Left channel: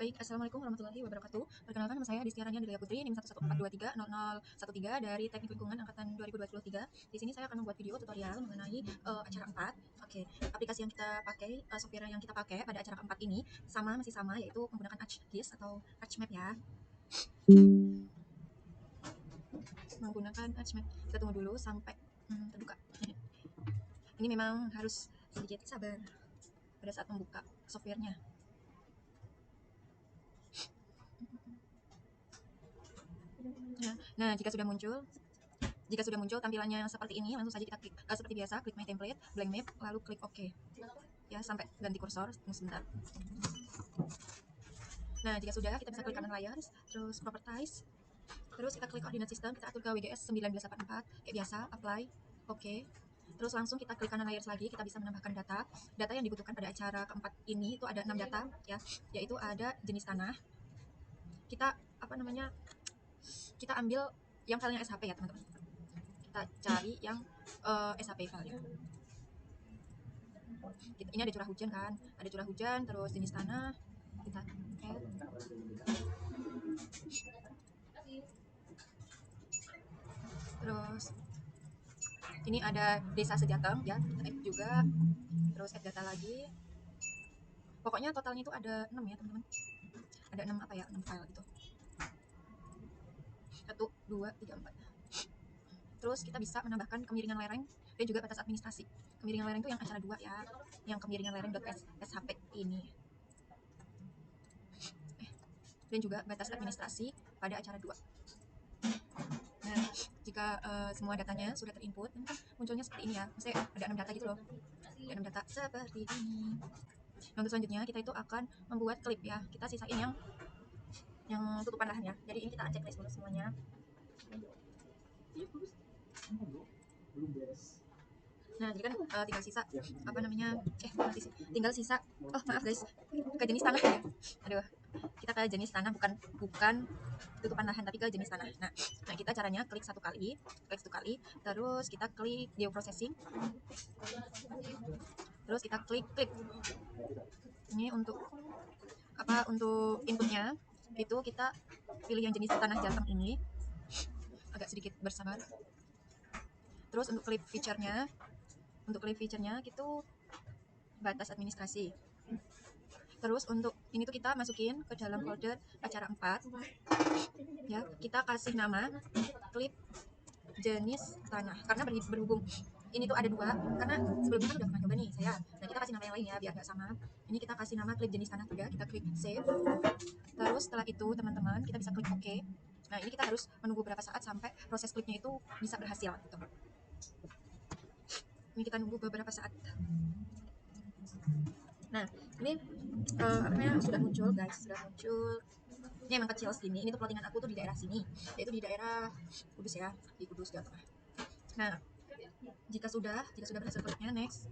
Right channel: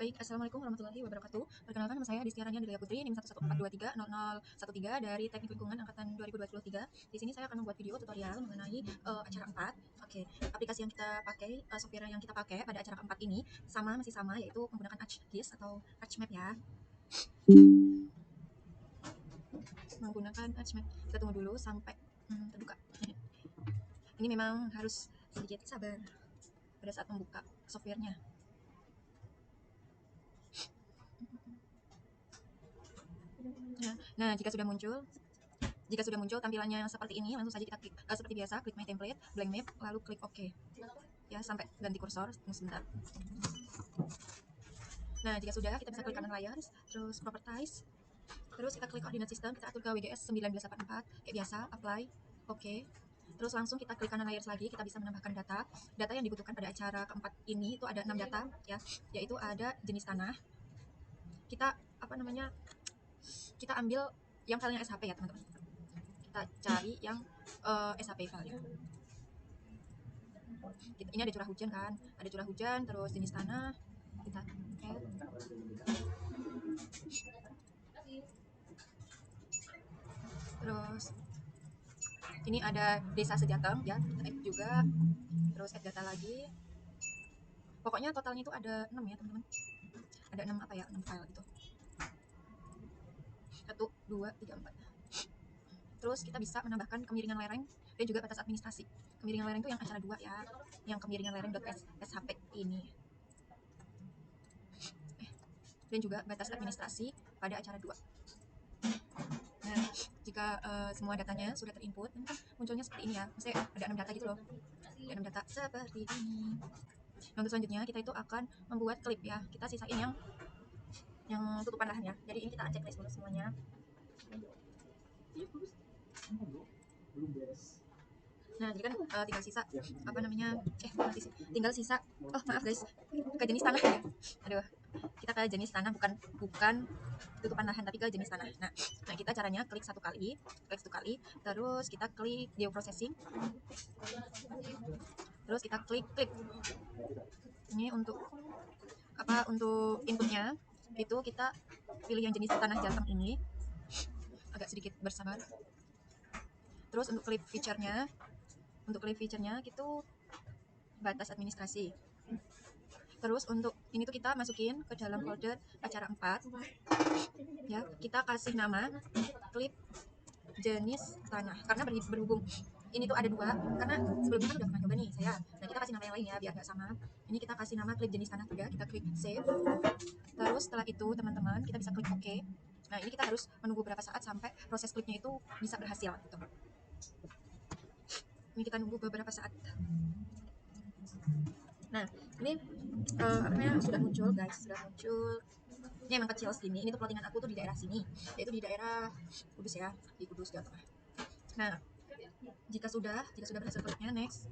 Baik, assalamualaikum warahmatullahi wabarakatuh. Perkenalkan, nama saya Distiaranya Delia Putri, NIM 114230013 dari Teknik Lingkungan Angkatan 2023. Di sini saya akan membuat video tutorial mengenai acara 4. Oke, aplikasi yang kita pakai, software yang kita pakai pada acara 4 ini masih sama, yaitu menggunakan ArcGIS atau ArchMap ya. Menggunakan ArchMap. Kita tunggu dulu sampai terbuka. Ini memang harus sedikit sabar pada saat membuka softwarenya. Nah, jika sudah muncul tampilannya seperti ini, langsung saja kita klik seperti biasa, klik My Template, Blank Map, lalu klik OK. Ya, sampai ganti kursor, tunggu sebentar. Nah, jika sudah, kita bisa klik kanan layar, terus Properties, terus kita klik Koordinat Sistem, kita atur ke WGS 1984, kayak biasa, Apply, OK. Terus langsung kita klik kanan layar lagi, kita bisa menambahkan data. Data yang dibutuhkan pada acara keempat ini itu ada 6 data, ya, yaitu ada jenis tanah. Kita kita ambil yang filenya SHP ya teman-teman. Kita cari yang SHP file. Ini ada curah hujan kan, terus jenis tanah, kita terus ini ada desa Sejatang ya, add juga, terus add data lagi. Pokoknya totalnya itu ada 6 ya teman-teman, ada 6 6 file gitu, 1, 2, 3, 4. Terus kita bisa menambahkan kemiringan lereng dan juga batas administrasi. Kemiringan lereng itu yang acara 2 ya, yang kemiringan lereng.shp ini, dan juga batas administrasi pada acara 2. Nah, jika semua datanya sudah terinput, munculnya seperti ini ya. Misalnya ada 6 data gitu loh. Ada 6 data seperti ini. Nah, untuk selanjutnya kita itu akan membuat klip ya. Kita sisain yang tutupan lahan ya. Jadi ini kita checklist dulu semuanya. Nah, jadi kan tinggal sisa tinggal sisa. Oh, maaf guys. Ke jenis tanah ya. Aduh. Kita ke jenis tanah, bukan tutupan lahan, tapi ke jenis tanah. Nah, kita caranya klik satu kali, terus kita klik geoprocessing, terus kita klik ini untuk inputnya itu kita pilih yang jenis tanah Jateng ini, agak sedikit bersabar. Terus untuk klik feature-nya itu batas administrasi. Terus untuk ini tuh kita masukin ke dalam folder acara 4 ya, kita kasih nama klip jenis tanah, karena berhubung ini tuh ada 2, karena sebelumnya kan udah pernah coba nih saya. Nah, kita kasih nama yang lain ya biar nggak sama. Ini kita kasih nama klip jenis tanah juga, kita klik save. Terus setelah itu teman-teman kita bisa klik OK. Nah, ini kita harus menunggu berapa saat sampai proses klipnya itu bisa berhasil gitu. Ini kita nunggu beberapa saat. Nah, ini sudah muncul guys, ini emang kecil segini. Ini tuh plottingan aku tuh di daerah sini, yaitu di daerah Kudus ya, di Kudus Jawa Tengah. Nah, jika sudah berhasil kliknya next.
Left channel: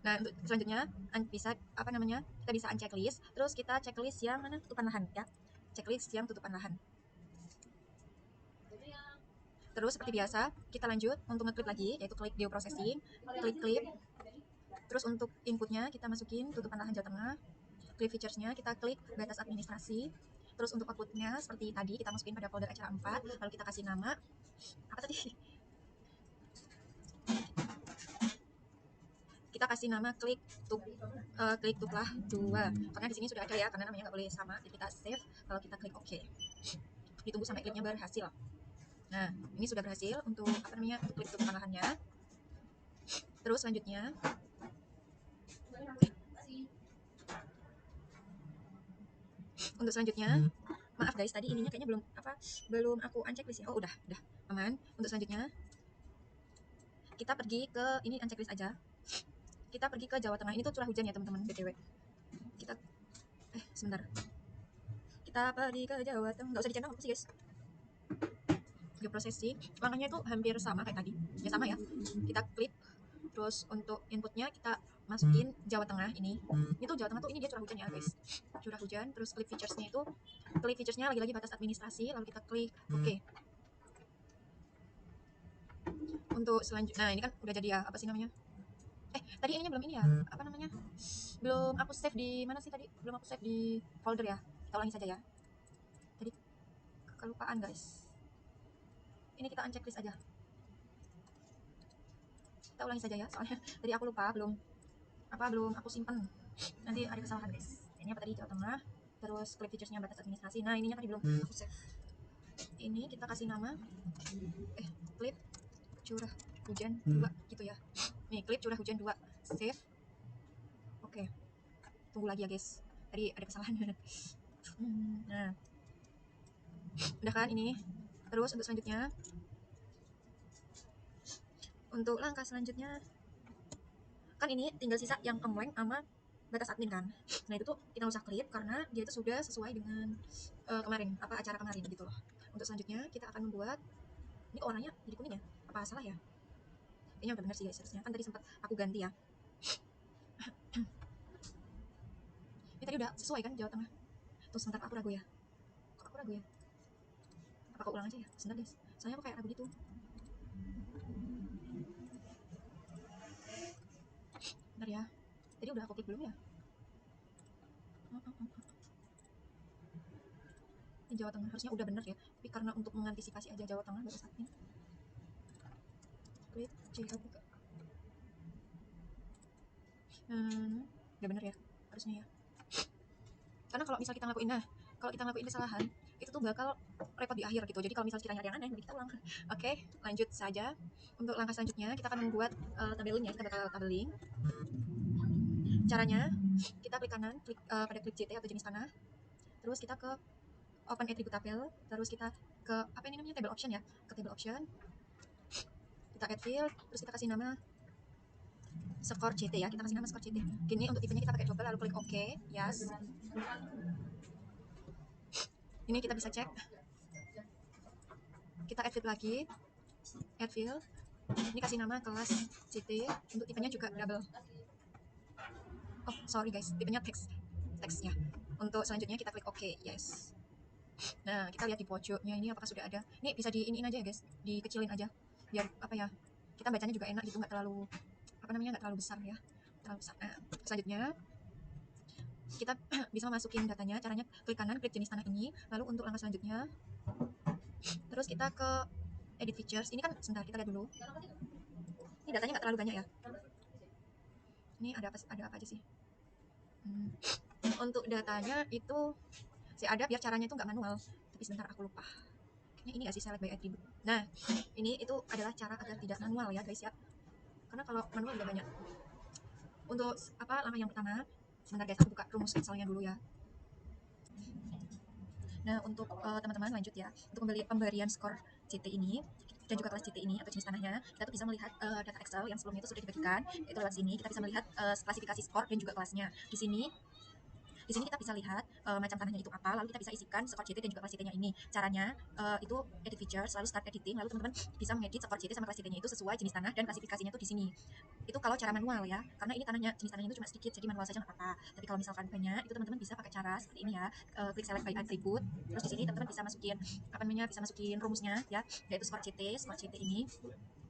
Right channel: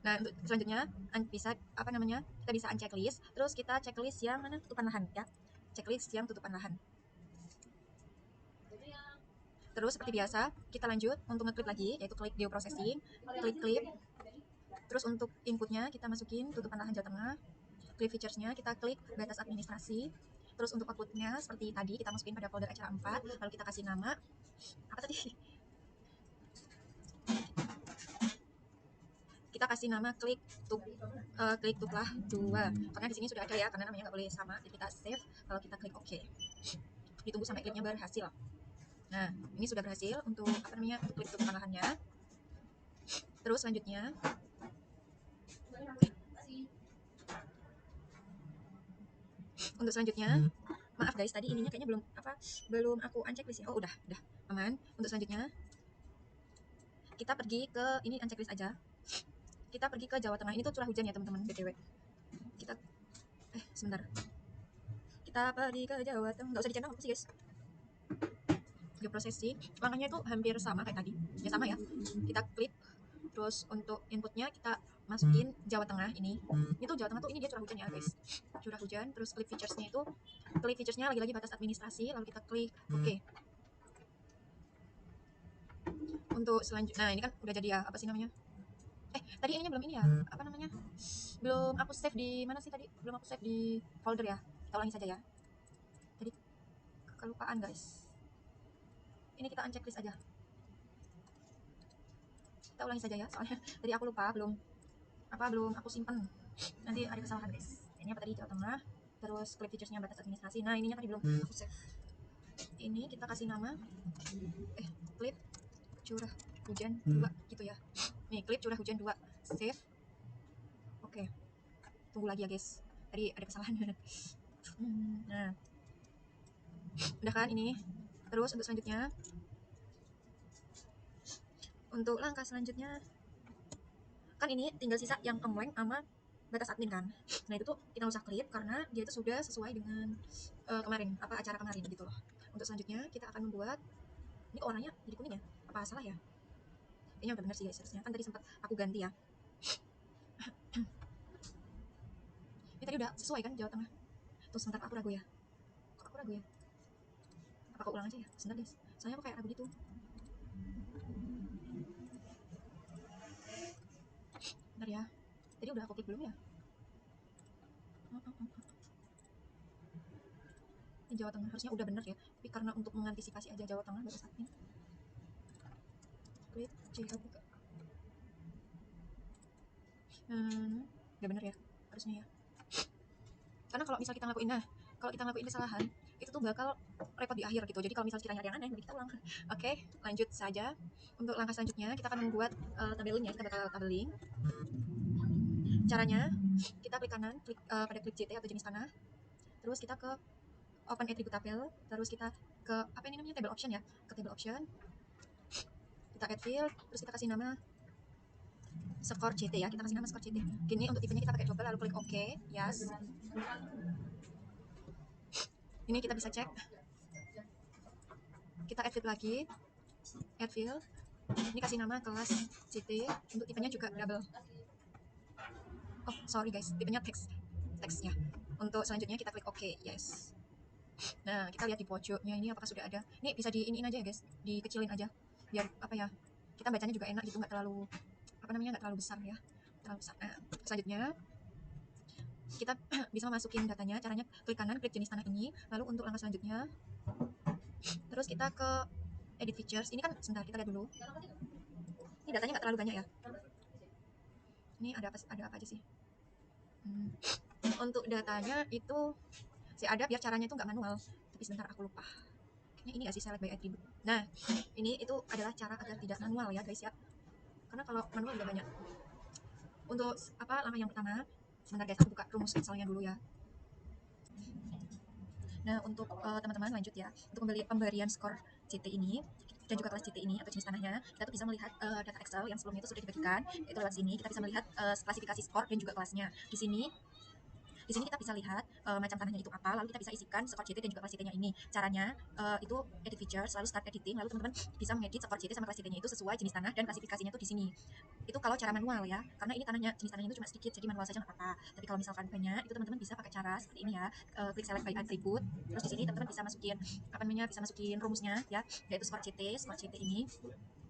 Nah, selanjutnya kita bisa unchecklist, terus kita checklist yang mana, tutupan lahan ya, checklist yang tutupan lahan. Terus seperti biasa kita lanjut untuk ngeklip lagi, yaitu klik geoprocessing, klik klip. Terus untuk inputnya kita masukin tutupan lahan Jawa Tengah, klik features-nya kita klik batas administrasi. Terus untuk outputnya seperti tadi kita masukin pada folder acara 4, lalu kita kasih nama apa tadi, kita kasih nama klik tuplah 2, karena di sini sudah ada ya, karena namanya nggak boleh sama. Jadi kita save, kalau kita klik OK, ditunggu sampai klipnya berhasil. Nah, ini sudah berhasil untuk klik tutupan lahannya. Terus selanjutnya maaf guys, tadi ininya kayaknya belum aku unchecklist ya. Oh, udah aman. Untuk selanjutnya kita pergi ke ini, unchecklist aja. Kita pergi ke Jawa Tengah. Ini tuh curah hujan ya teman-teman, BTW. Sebentar. Kita pergi ke Jawa Tengah. Nggak usah dicentang apa sih guys. Geoprocessing, langkahnya itu hampir sama kayak tadi. Ya sama ya. Kita klik. Terus untuk inputnya kita masukin Jawa Tengah ini. Ini tuh Jawa Tengah tuh, ini dia curah hujan ya guys. Curah hujan, terus klik features-nya lagi-lagi batas administrasi, lalu kita klik OK. Untuk selanjutnya, nah ini kan udah jadi ya, apa sih namanya? Tadi ininya belum ini ya, Belum aku save di mana sih tadi? Belum aku save di folder ya. Kita ulangi saja ya. Tadi kelupaan guys. Ini kita uncheck list aja. Kita ulangi saja ya, soalnya tadi aku lupa, belum aku simpan. Nanti ada kesalahan guys. Ini apa tadi, Jawa Tengah. Terus klik featuresnya batas administrasi. Nah ininya tadi belum aku save. Ini kita kasih nama klip curah hujan 2 gitu ya. Nih klip curah hujan 2 save. Oke, tunggu lagi ya guys, tadi ada kesalahan. Nah udah kan ini. Terus untuk langkah selanjutnya kan ini tinggal sisa yang kembang sama batas admin kan. Nah itu tuh kita usah klik karena dia itu sudah sesuai dengan kemarin, acara kemarin gitu loh. Untuk selanjutnya kita akan membuat, ini kok warnanya jadi kuning ya, apa salah ya? Ini udah benar sih guys, harusnya kan tadi sempat aku ganti ya. Ini tadi udah sesuai kan Jawa Tengah. Terus sebentar, aku ragu ya, apa aku ulang aja ya, sebentar guys, soalnya aku kayak ragu gitu. Bentar ya, tadi udah aku klik belum ya? Ini Jawa Tengah harusnya udah benar ya, tapi karena untuk mengantisipasi aja Jawa Tengah baru saatnya klik C1. Nah udah benar ya harusnya ya, karena kalau misal kita ngelakuin kesalahan itu tuh bakal repot di akhir gitu. Jadi kalau misal kiranya ada yang aneh, kita ulang. Oke, lanjut saja. Untuk langkah selanjutnya kita akan membuat tabelingnya. Kita bakal tabeling. Caranya kita klik kanan, pada klik JT atau jenis tanah, terus kita ke open attribute tabel, terus kita ke apa ini namanya, table option ya, ke table option, kita add field, terus kita kasih nama skor CT ya, kita kasih nama skor CT. Gini untuk tipenya kita pakai double, lalu klik OK, yes. Ini kita bisa cek, kita add field lagi, add field, ini kasih nama kelas CT, untuk tipenya juga double. Oh sorry guys, tipenya text ya. Untuk selanjutnya kita klik OK, yes. Nah kita lihat di pojoknya ini apakah sudah ada. Ini bisa diiniin aja ya guys, dikecilin aja biar apa ya, kita bacanya juga enak gitu, nggak terlalu nggak terlalu besar ya, terlalu besar. Nah, selanjutnya kita bisa masukin datanya. Caranya klik kanan, klik jenis tanah ini, lalu untuk langkah selanjutnya terus kita ke edit features. Ini kan sebentar kita lihat dulu, ini datanya nggak terlalu banyak ya. Ini ada apa aja sih. Untuk datanya itu sih ada, biar caranya itu nggak manual, tapi sebentar aku lupa. Ini nggak sih select by attribute. Nah ini itu adalah cara agar tidak manual ya guys ya, karena kalau manual juga banyak. Untuk langkah yang pertama, sebentar guys, aku buka rumus Excelnya dulu ya. Nah untuk teman-teman lanjut ya, untuk pemberian skor CT ini dan juga kelas CT ini atau jenis tanahnya, kita tuh bisa melihat data Excel yang sebelumnya itu sudah dibagikan. Itu lewat sini kita bisa melihat klasifikasi skor dan juga kelasnya. Di sini kita bisa lihat macam tanahnya itu apa, lalu kita bisa isikan skor CT dan juga kelas CT-nya ini. Caranya itu edit features, lalu start editing, lalu teman-teman bisa mengedit skor CT sama kelas CT-nya itu sesuai jenis tanah dan klasifikasinya itu di sini. Itu kalau cara manual ya, karena ini jenis tanahnya itu cuma sedikit, jadi manual saja nggak apa-apa. Tapi kalau misalkan banyak, itu teman-teman bisa pakai cara seperti ini ya, klik select by attribute, terus di sini teman-teman bisa masukin rumusnya ya, yaitu skor CT ini.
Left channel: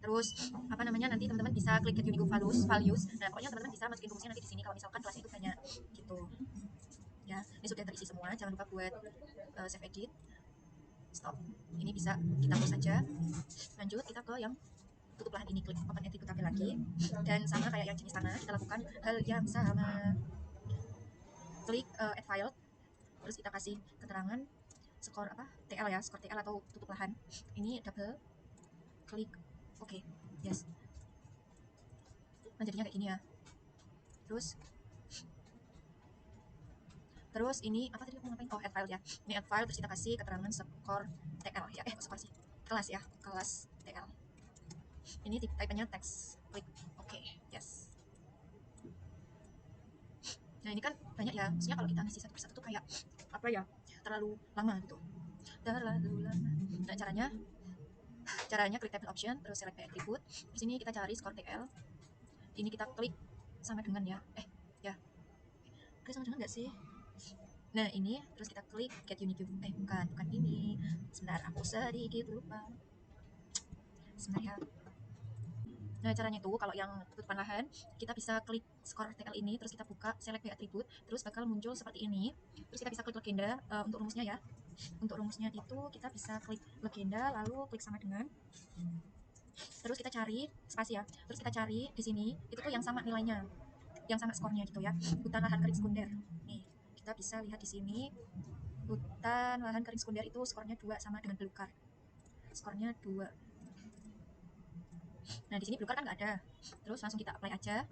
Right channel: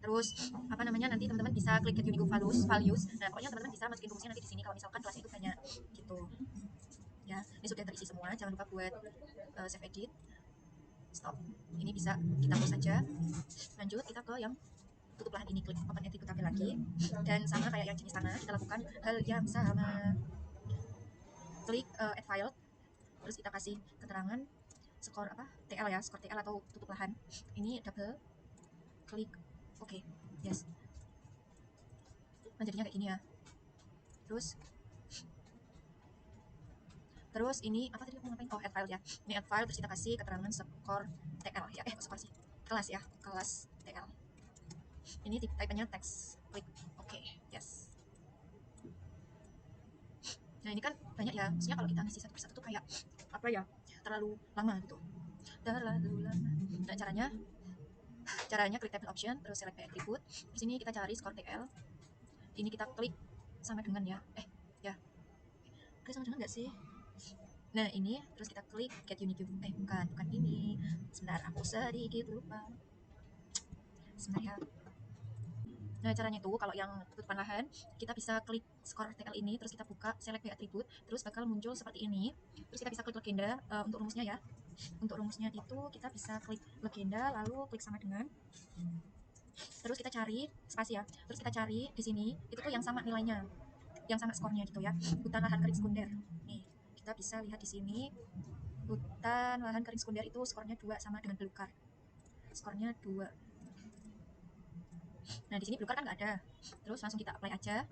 Terus nanti teman-teman bisa klik get unique values. Nah pokoknya teman-teman bisa masukin rumusnya nanti di sini kalau misalkan kelas itu banyak gitu ya. Ini sudah terisi semua, jangan lupa buat save edit, stop. Ini bisa kita close saja. Lanjut kita ke yang tutup lahan ini, klik open attribute tabel lagi, dan sama kayak yang jenis tanah kita lakukan hal yang sama. Klik add file, terus kita kasih keterangan skor TL ya, skor TL atau tutup lahan. Ini double klik OK, yes. Nah jadinya kayak gini ya. Terus ini apa tadi aku ngapain? Oh add file ya. Ini add file, terus kita kasih keterangan skor TL ya. Skor sih, kelas ya, kelas TL. Ini type-nya text, klik OK, yes. Nah ini kan banyak ya, maksudnya kalau kita ngisi satu persatu tuh kayak apa ya, terlalu lama gitu, terlalu lama. Nah caranya klik table option, terus select by attribute, terus ini kita cari skor TL. Ini kita klik sama dengan ya, klik sama dengan nggak sih? Nah ini terus kita klik get unique, bukan ini, sebentar aku sedikit lupa sebenarnya. Nah, caranya itu kalau yang tutupan lahan, kita bisa klik skor TL ini, terus kita buka select by attribute, terus bakal muncul seperti ini. Terus kita bisa klik legenda untuk rumusnya ya. Untuk rumusnya itu kita bisa klik legenda, lalu klik sama dengan, terus kita cari spasi ya. Terus kita cari di sini itu tuh yang sama nilainya, yang sama skornya gitu ya. Hutan lahan kering sekunder. Nih, kita bisa lihat di sini hutan lahan kering sekunder itu skornya 2 sama dengan belukar. Skornya 2. Nah, di sini belukar kan nggak ada. Terus langsung kita apply aja.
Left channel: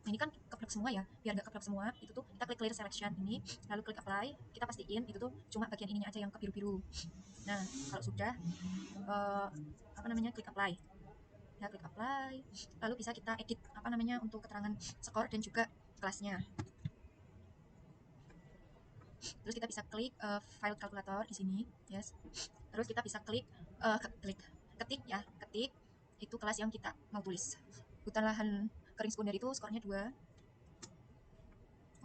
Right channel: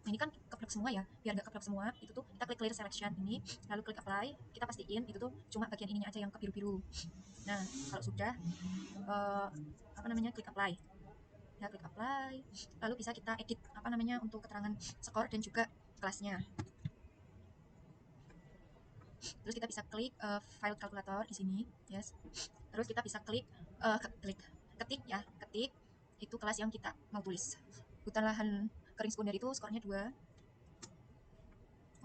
Nah, ini kan keplek semua ya. Biar nggak keplek semua, itu tuh kita klik clear selection ini, lalu klik apply. Kita pastiin itu tuh cuma bagian ininya aja yang kebiru-biru. Nah, kalau sudah klik apply. Ya, klik apply. Lalu bisa kita edit untuk keterangan skor dan juga kelasnya. Terus kita bisa klik file calculator di sini. Yes. Terus kita bisa klik ketik itu kelas yang kita mau tulis. Hutan lahan kering sekunder itu skornya 2.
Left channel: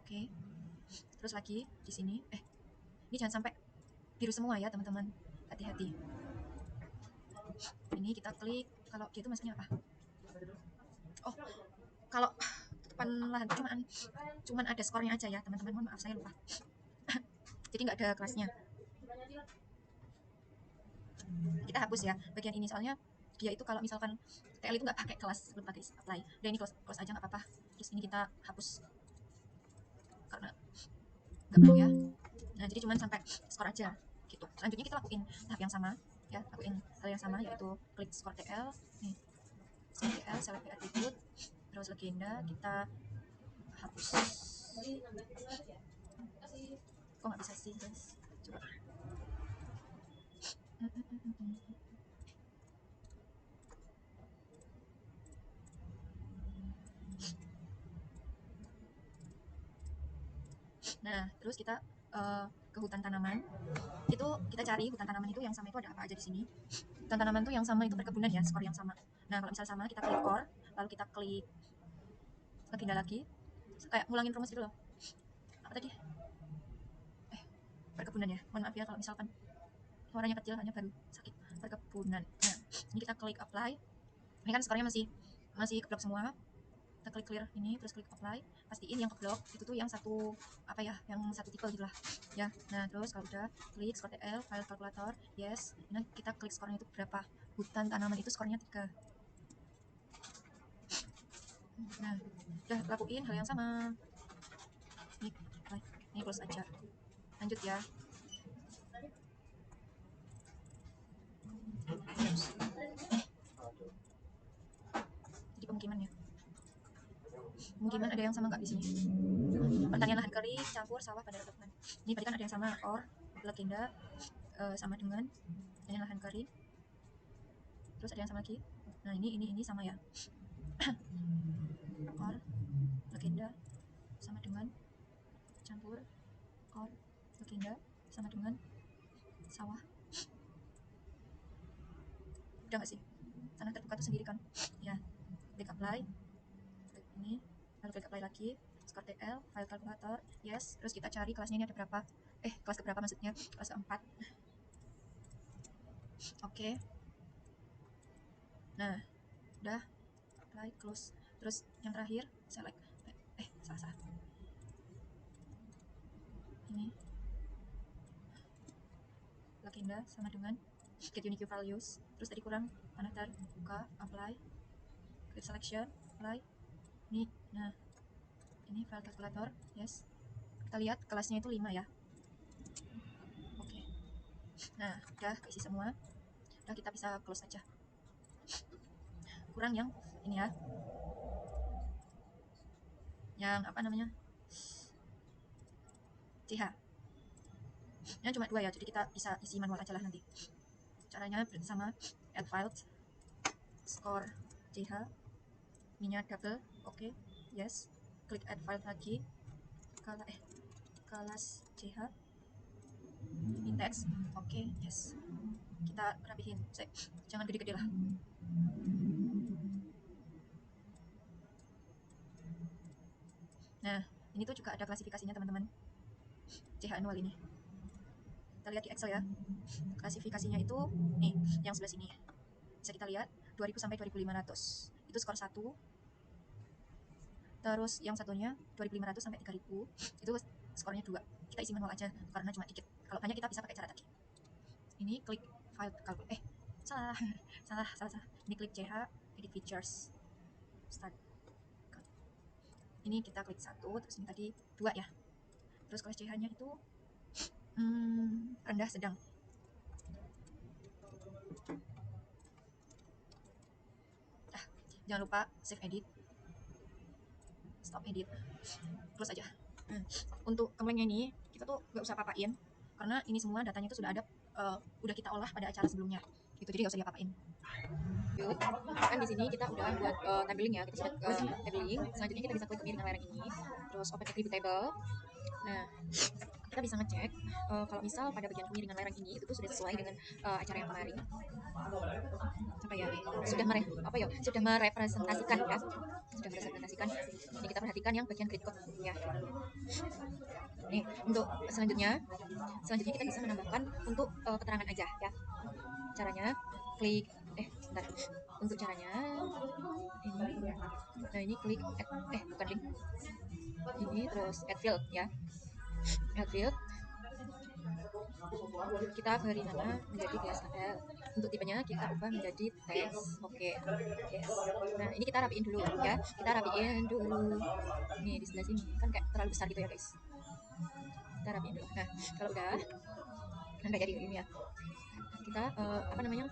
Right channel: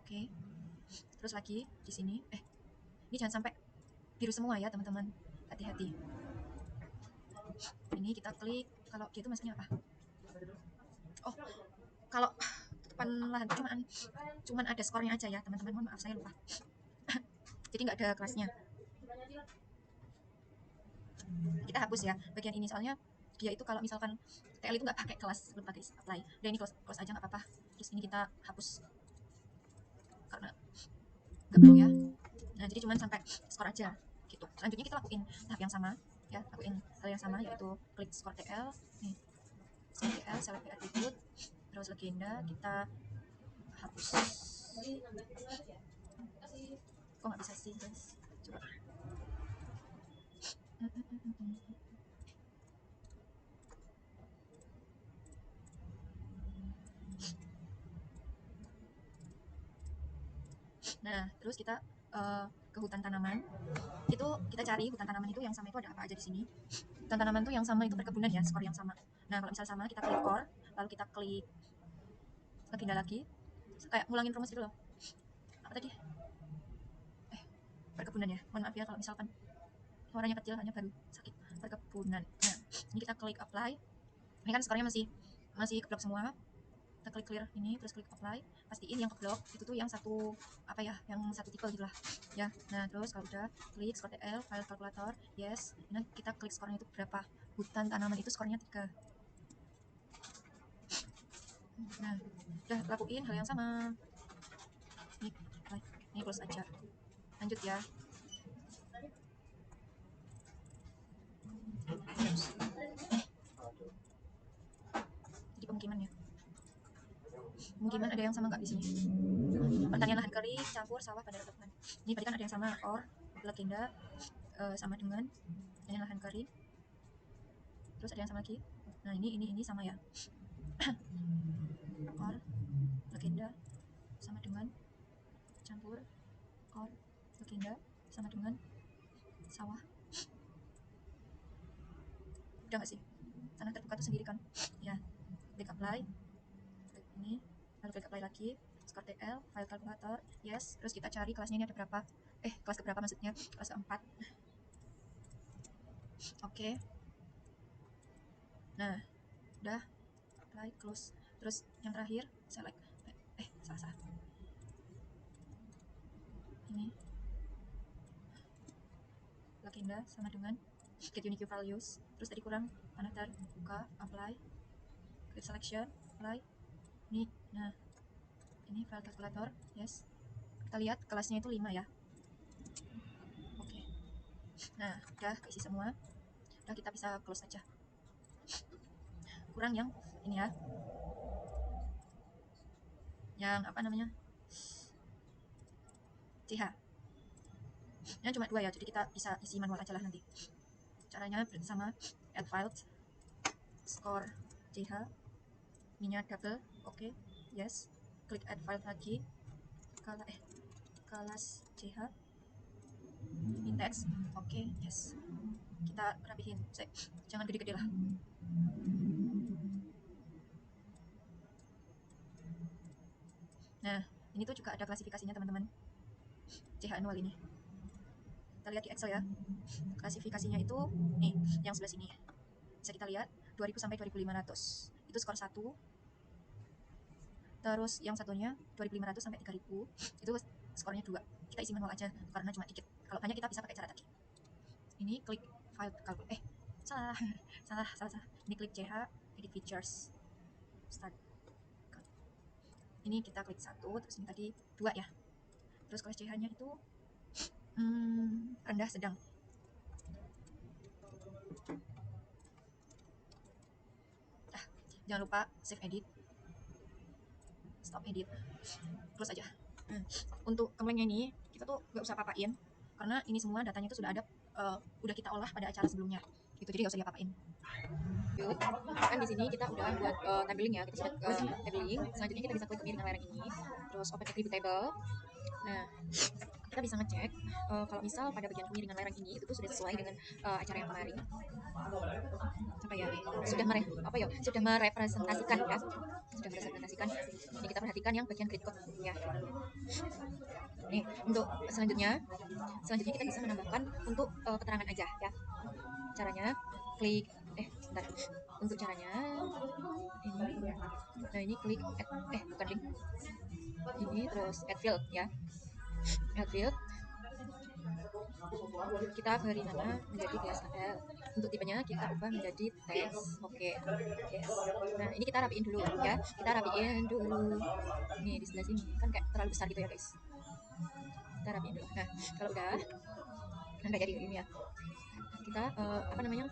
Oke. Terus lagi di sini ini jangan sampai biru semua ya teman-teman, hati-hati. Ini kita klik, kalau gitu maksudnya apa? Oh, kalau tutupan lahan itu cuman ada skornya aja ya teman-teman, mohon maaf saya lupa. Jadi nggak ada kelasnya. Kita hapus ya bagian ini, soalnya dia itu kalau misalkan TL itu nggak pakai kelas, belum pakai apply. Dan ini close aja nggak apa-apa. Terus ini kita hapus karena nggak perlu ya. Nah, jadi cuman sampai skor aja gitu. Selanjutnya kita lakuin hal yang sama ya, lakuin hal yang sama, yaitu klik skor TL, skor TL select attribute, terus legenda kita hapus. Kok nggak bisa sih guys, coba. Nah, terus kita ke hutan tanaman. Itu kita cari hutan tanaman itu yang sama itu ada apa aja di sini. Hutan tanaman itu yang sama itu perkebunan ya, skor yang sama. Nah, kalau misalnya sama kita klik core, lalu kita klik legenda lagi. Kayak ngulangin rumus gitu loh. Apa tadi? Perkebunan ya. Mohon maaf ya kalau misalkan suaranya kecil, hanya baru sakit. Perkebunan. Nah, ini kita klik apply. Ini kan skornya masih keblok semua. Kita klik clear ini, terus klik apply. Pastiin yang keblok itu tuh yang satu yang satu tipe gitu lah ya. Nah, terus kalau udah klik skor TL file calculator, yes. Nah, kita klik skornya itu berapa. Hutan tanaman itu skornya 3. Nah, udah lakuin hal yang sama. Ini close aja, lanjut ya. Jadi pemukiman ya, pemukiman ada yang sama nggak di sini? Pertanian lahan kering campur sawah pada perkebunan. Ini berarti kan ada yang sama, or legenda sama dengan pertanian lahan kering. Terus ada yang sama lagi. Nah, ini sama ya. Or legenda sama dengan campur, or legenda sama dengan sawah. Udah nggak sih? Sana terbuka tuh sendiri kan ya. Klik apply, klik ini, lalu klik apply lagi, skor TL file calculator, yes. Terus kita cari kelasnya ini ada berapa, kelas keberapa maksudnya, kelas keempat. Oke. Nah, udah apply, close. Terus yang terakhir select, salah. Ini legenda sama dengan get unique values. Terus tadi kurang daftar, buka, apply, klik selection, apply. Ini, nah ini file calculator, yes. Kita lihat kelasnya itu 5 ya. Oke. Nah, udah keisi semua. Udah, kita bisa close aja. Kurang yang ini ya, yang CH. Ini cuma 2 ya, jadi kita bisa isi manual aja lah nanti. Caranya sama add files, score CH, ininya double, oke, yes. Klik add file lagi, kelas CH, index, oke, yes. Kita rapihin, jangan gede-gede lah. Nah, ini tuh juga ada klasifikasinya teman-teman, CH annual ini. Kita lihat di Excel ya. Klasifikasinya itu nih, yang sebelah sini. Bisa kita lihat 2000 sampai 2500. Itu itu skor 1. Terus yang satunya 2500 sampai 3000 itu skornya 2. Kita isi manual aja karena cuma dikit. Kalau banyak kita bisa pakai cara tadi. Ini klik file calculate. Salah. salah. Ini klik CH, edit features, start. Ini kita klik 1, terus ini tadi 2 ya. Terus kelas CH-nya itu rendah sedang. Jangan lupa save edit, stop edit, close aja. Untuk kemlengnya ini kita tuh gak usah papain karena ini semua datanya itu sudah ada, udah kita olah pada acara sebelumnya gitu, jadi gak usah diapa-apain. Kan di sini kita udah buat tabling ya, kita sudah tabling. Selanjutnya kita bisa klik kemiringan lereng ini, terus open attribute table. Nah, kita bisa ngecek kalau misal pada bagian kemiringan lereng ini itu tuh sudah sesuai dengan acara yang kemarin. Sudah merepresentasikan ya. Ini kita perhatikan yang bagian grid code ya. Nih, untuk selanjutnya kita bisa menambahkan untuk keterangan aja ya. Caranya klik bentar. Untuk caranya ini. Nah, ini klik add, bukan link. Ini terus add field ya. Add field. Kita beri nama menjadi TSL. Untuk tipenya kita ubah menjadi tes. Oke. Yes. Nah, ini kita rapiin dulu ya. Nih di sebelah sini kan kayak terlalu besar gitu ya, guys. Kita rapiin dulu. Nah, kalau udah sampai jadi ini ya. Kita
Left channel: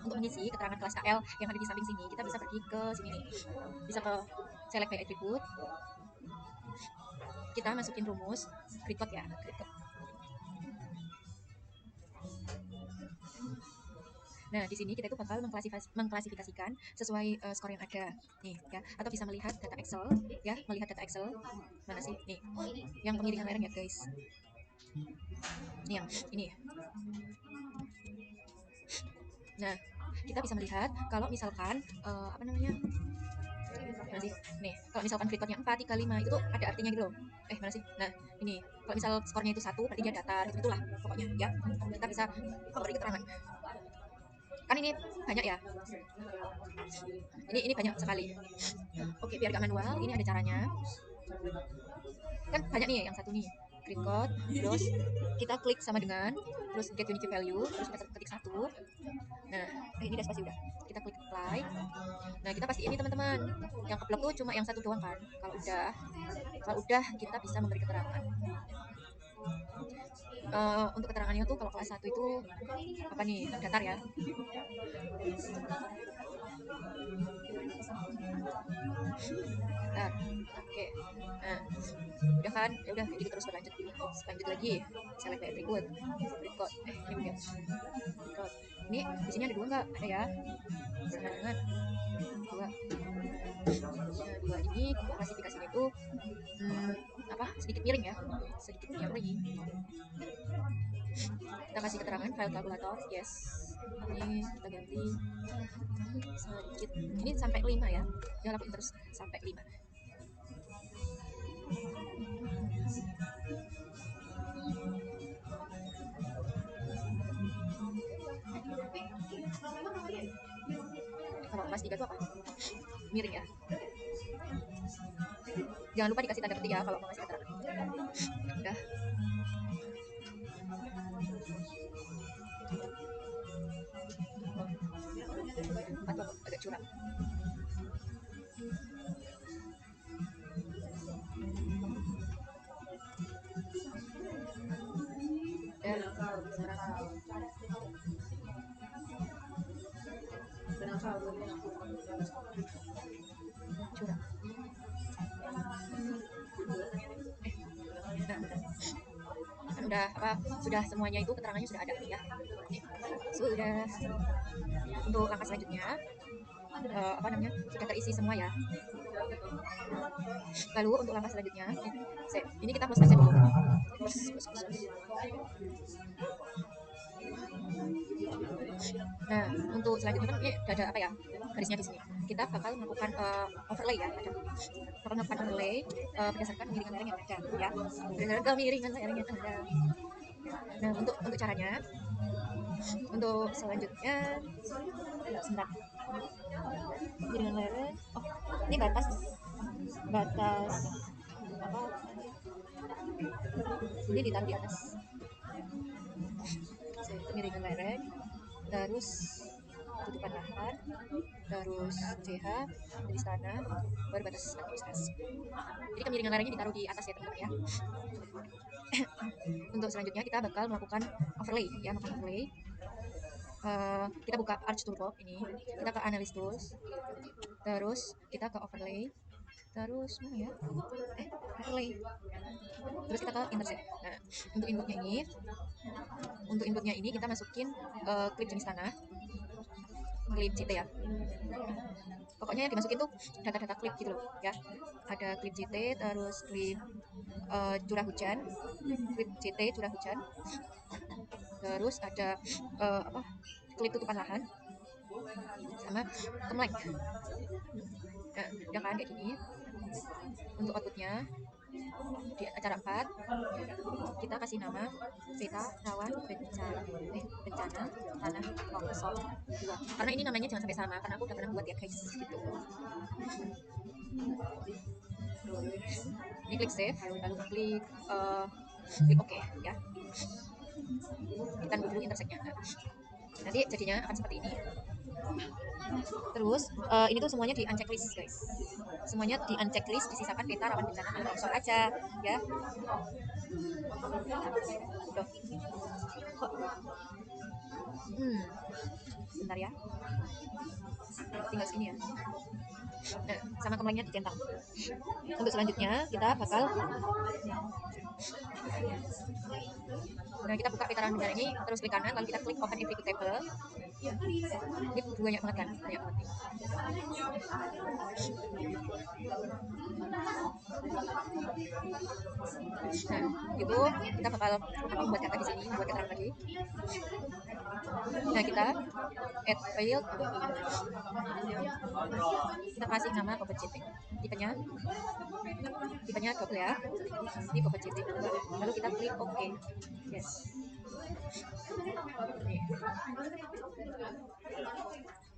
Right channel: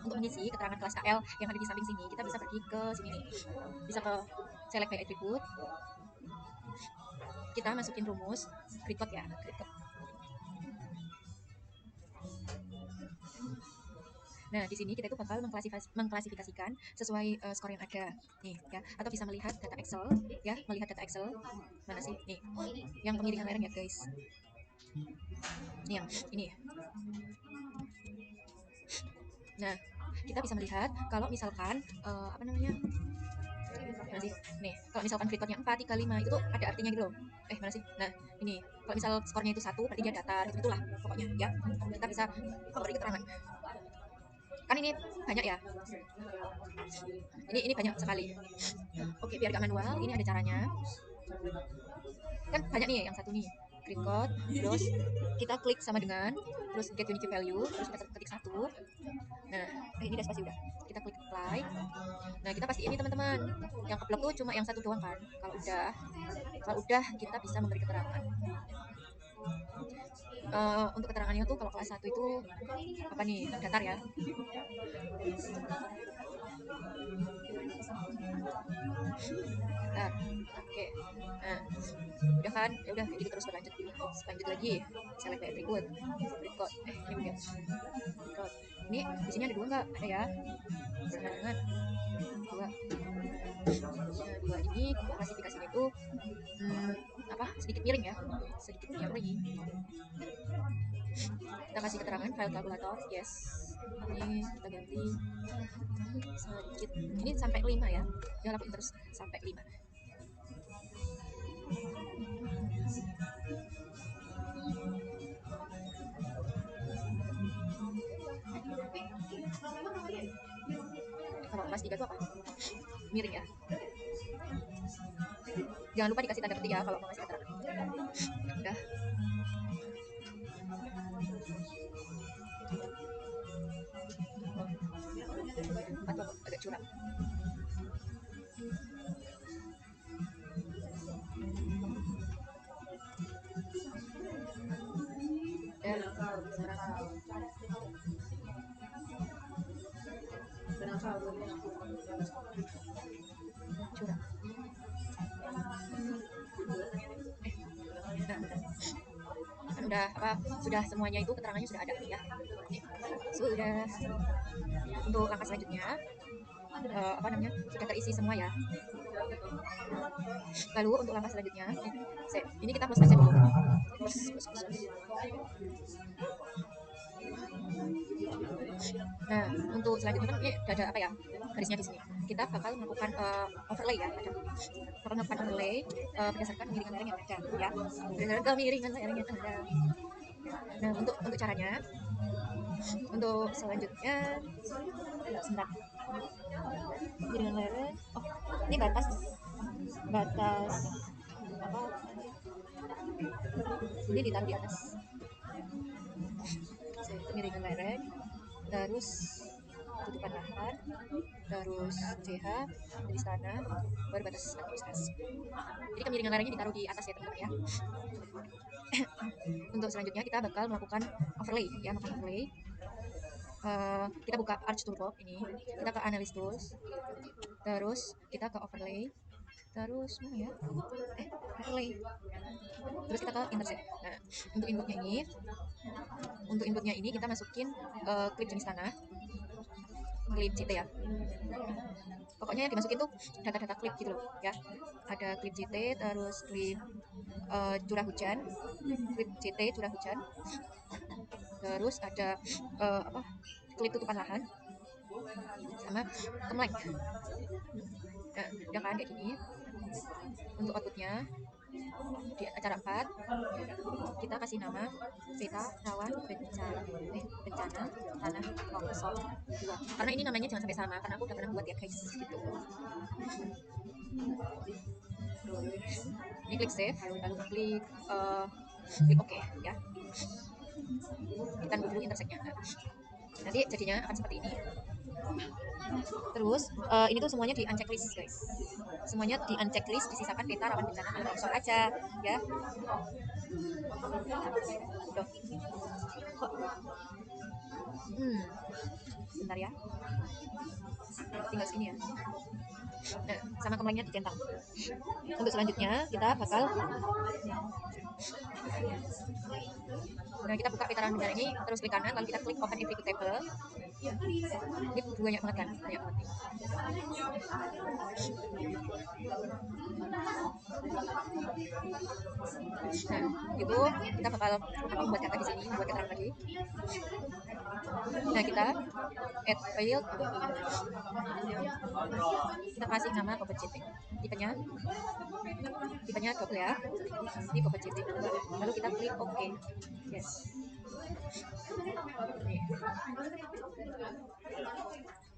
untuk mengisi keterangan kelas KL yang ada di samping sini, kita bisa pergi ke sini nih. Bisa ke select by attribute. Kita masukin rumus grid code ya, grid code. Nah, di sini kita itu bakal mengklasifikasikan sesuai skor yang ada nih ya, atau bisa melihat data Excel ya, melihat data Excel. Mana sih? Nih. Yang kemiringan lereng ya, guys. Nih yang ini. Nah, kita bisa melihat kalau misalkan mana sih? Nih, kalau misalkan grid code-nya 4, 3, 5 itu tuh ada artinya gitu loh. Mana sih? Nah, ini kalau misal skornya itu 1 berarti dia datar, itulah pokoknya ya. Kita bisa memberi keterangan. Kan ini banyak ya. Ini banyak sekali. Oke, biar gak manual, ini ada caranya. Kan banyak nih yang satu nih. Grid code, terus kita klik sama dengan terus get unique value, terus kita ketik 1. Nah, ini udah spasi udah. Kita klik apply. Nah, kita pasti ini teman-teman. Yang upload tuh cuma yang satu doang kan. Kalau udah kita bisa memberi keterangan. Untuk keterangannya tuh kalau kelas 1 itu apa nih? Datar ya. Nah, oke. Nah, udah kan? Ya udah gitu terus berlanjut. Lanjut lagi. Select by attribute. Ini di sini ada 2 enggak? Ada ya. Sedikit miring ya, kita kasih keterangan file kalkulator, yes. Ini kita ganti sedikit, ini sampai 5 ya, dia lakuin terus sampai 5. Kalau kelas 3 itu apa? Miring ya. Jangan lupa dikasih tanda petik ya kalau mau ngasih keterangan. Udah. Atau agak curang. Curang. Sudah semuanya itu keterangannya sudah ada ya. Sudah. Untuk langkah selanjutnya sudah terisi semua ya. Lalu untuk langkah selanjutnya ini kita close aja dulu. Nah, untuk selanjutnya kan ini ada apa ya, garisnya di sini. Kita bakal melakukan overlay ya. Bakal melakukan overlay berdasarkan kemiringan lereng yang ada ya. Berdasarkan kemiringan lereng yang ada. Nah, untuk caranya, untuk selanjutnya kemiringan lereng. ini ditaruh di atas kemiringan lereng, terus tutupan tahan, terus CH jadi standar, baru batas aktivitas. Jadi kemiringan lerengnya ditaruh di atas ya teman-teman ya. Untuk selanjutnya kita bakal melakukan overlay ya, overlay. Kita buka Arch Toolbox ini, kita ke Analysis Tools, terus kita ke overlay, terus mana ya? Overlay. Terus kita ke intersect. Nah, untuk inputnya ini kita masukin klip jenis tanah, klip JT ya. Pokoknya dimasukin tuh data-data klip gitu loh ya. Ada klip JT, terus klip curah hujan, klip JT curah hujan, terus ada klip tutupan lahan, sama temlate. Nah, ya kan kayak gini. Untuk outputnya di acara 4 kita kasih nama peta rawan bencana tanah longsor 2, karena ini namanya jangan sampai sama karena aku udah pernah buat ya guys. Ini klik save, lalu klik OK ya. Kita dulu intersectnya. Nanti jadinya akan seperti ini. Terus ini tuh semuanya di unchecklist guys. Semuanya di unchecklist, disisakan peta rawan bencana tanah longsor aja ya. Bentar ya. Tinggal sini ya. Nah, sama kemlengnya dicentang. Untuk selanjutnya kita bakal kita buka peta rawan bencana ini, terus klik kanan, lalu kita klik open executable. Ini banyak banget kan, banyak banget. Nah, itu kita bakal membuat kata di sini, membuat keterangan lagi. Nah, kita add file, kita kasih nama Bobot JT. Tipenya double ya. Ini Bobot JT. Lalu kita klik OK. Yes.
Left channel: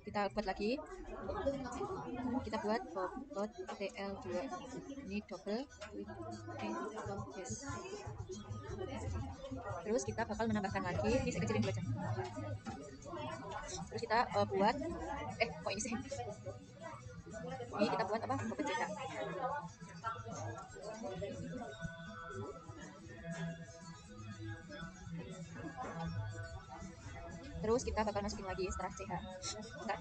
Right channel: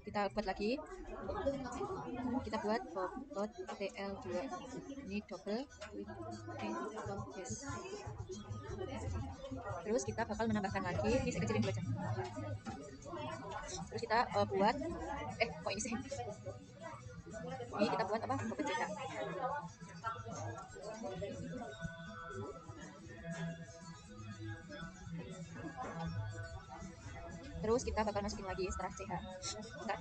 Kita buat lagi. Kita buat Bobot TL2. Ini double, klik OK. Yes. Terus kita bakal menambahkan lagi, ini saya kecilin dulu aja. Terus kita buat kok ini sih? Ini kita buat apa? Bobot JT. Terus kita bakal masukin lagi setelah CH. Bentar.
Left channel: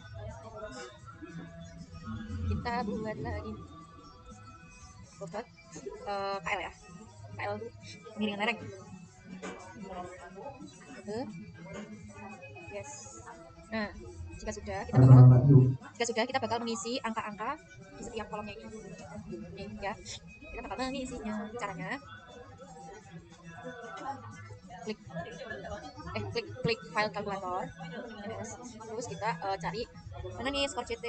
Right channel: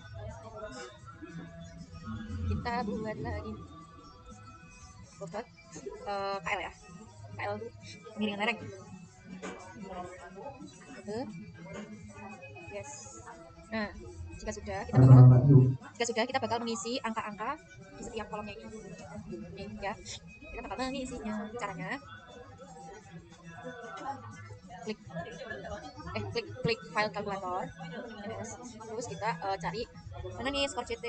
Kita buat lagi bobot KL ya. KL itu miringan lereng. Yes. Nah, jika sudah kita bakal mengisi angka-angka di setiap kolomnya ini. Nih ya. Kita bakal mengisinya. Caranya klik file kalkulator. Yes. Terus kita cari mana nih skor CT.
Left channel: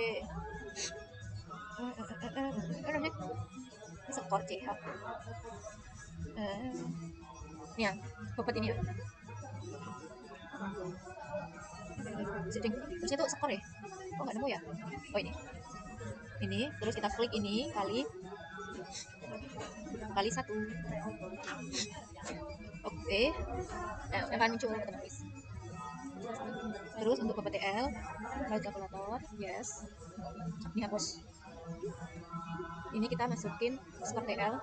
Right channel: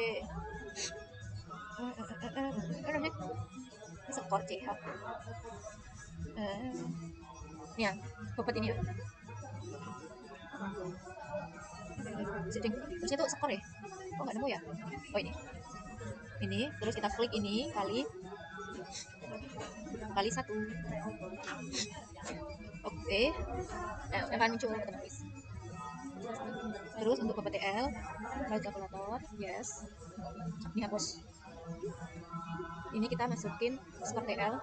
Ini skor CH. Ini ya, bobot ini ya. Terus itu skor ya? Oh nggak nemu ya? Oh ini terus kita klik ini kali 1. Oke. Nah, akan muncul guys. Terus untuk bobot TL file kalkulator, yes. Ini hapus. Ini kita masukin skor TL.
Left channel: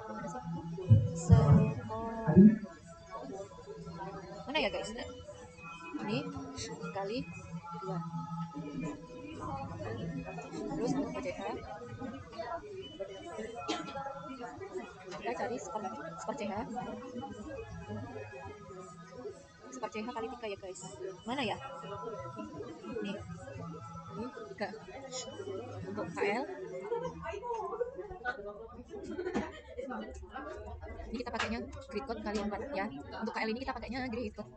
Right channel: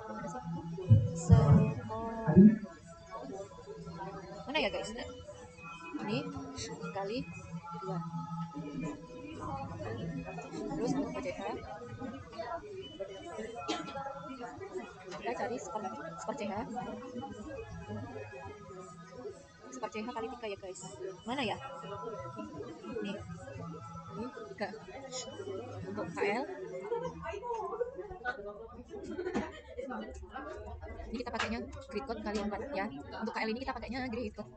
Mana ya guys? Ini kali 2. Terus untuk PCH kita cari skor CH. Skor CH kali 3 ya guys. Mana ya? Ini 3. Untuk KL ini kita pakainya grid code kali 4 ya. Untuk KL ini kita pakainya grid code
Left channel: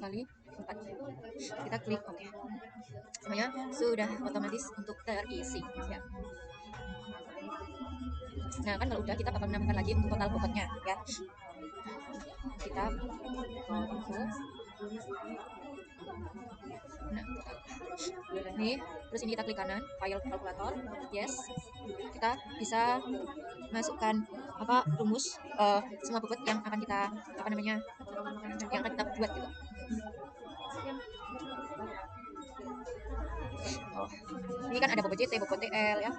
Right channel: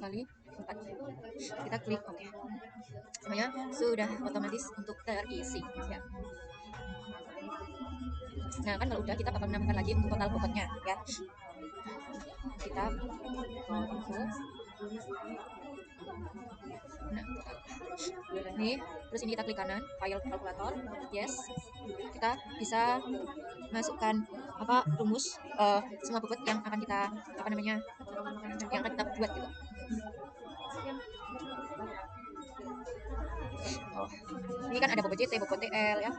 kali 4. Kita klik OK. Semuanya sudah otomatis untuk terisi ya. Nah kan kalau udah kita bakal menambahkan lagi untuk total bobotnya ya. Kita nah, ini Terus ini kita klik kanan, file kalkulator, yes. Kita bisa masukkan rumus semua bobot yang akan kita buat gitu. Ini kan ada bobot JT, bobot TL ya.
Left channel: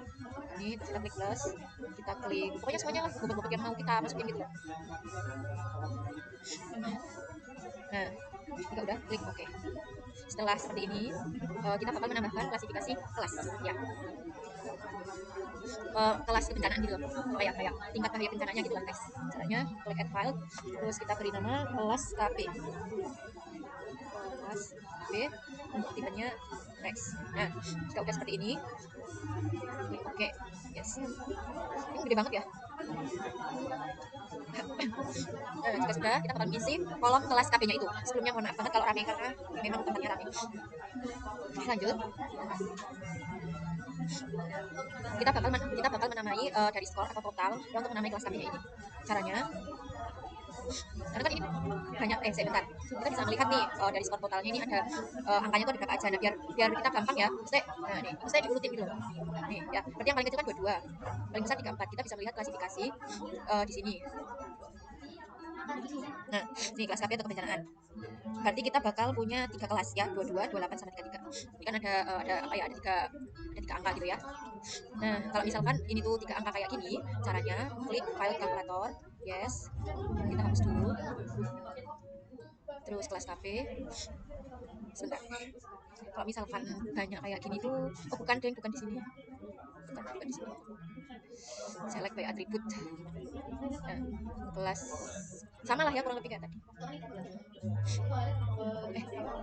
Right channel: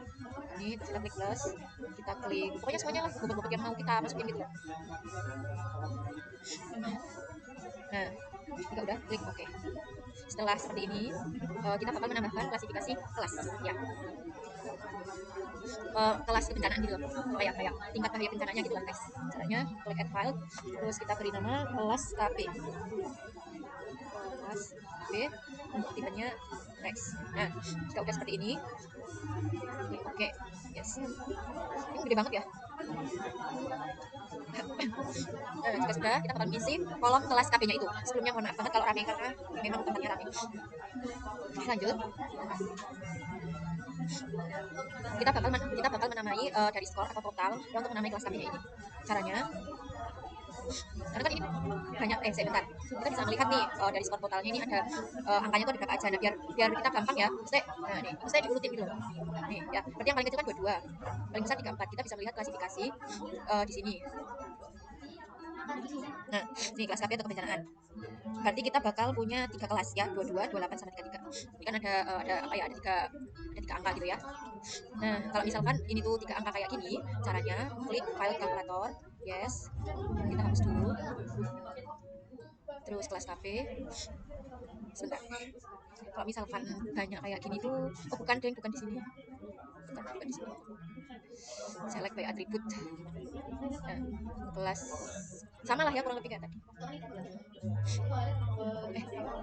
Ini kita klik plus, kita klik pokoknya semuanya lah bobot-bobot yang mau kita masukin gitu. Nah, kita udah klik oke. Setelah seperti ini, kita bakal menambahkan klasifikasi kelas ya. Kelas kebencanaan gitu loh, kayak tingkat bahaya bencananya gitu lah guys. Caranya klik add file, terus kita beri nama kelas KB, untuk tipenya Rex. Nah, jika udah seperti ini, klik oke, yes. Ini gede banget ya. Jika sudah, kita bakal isi kolom kelas KB-nya itu. Sebelumnya mohon maaf banget kalau rame karena memang tempatnya rame. Lanjut. Kita bakal menamai dari skor atau total ya, untuk menamai kelas KB-nya ini. Caranya, karena kan ini banyak sebentar. Kita bisa melihat nih dari skor totalnya ini ada angkanya itu ada berapa aja. Nah, biar kita gampang ya. Nah, nih, saya diurutin gitu loh. Nih, ya. Berarti yang paling kecil kan 22, paling besar 34. Kita bisa melihat klasifikasi di sini. Nah, ini kelas KB atau kebencanaan. Berarti kita bakal punya 3 kelas ya, 22, 28 sama 33. Ini kan ada ada tiga angka gitu ya. Nah, kalau misalkan ini tuh 3 angka kayak gini, caranya klik file kalkulator, yes. Kita hapus dulu. Terus kelas KB. Sebentar. Kalau misalkan banyak kayak gini tuh, bukan di sini. Bukan di sini. Select by atribut. Nah, kelas sama lah ya kurang lebih kayak tadi.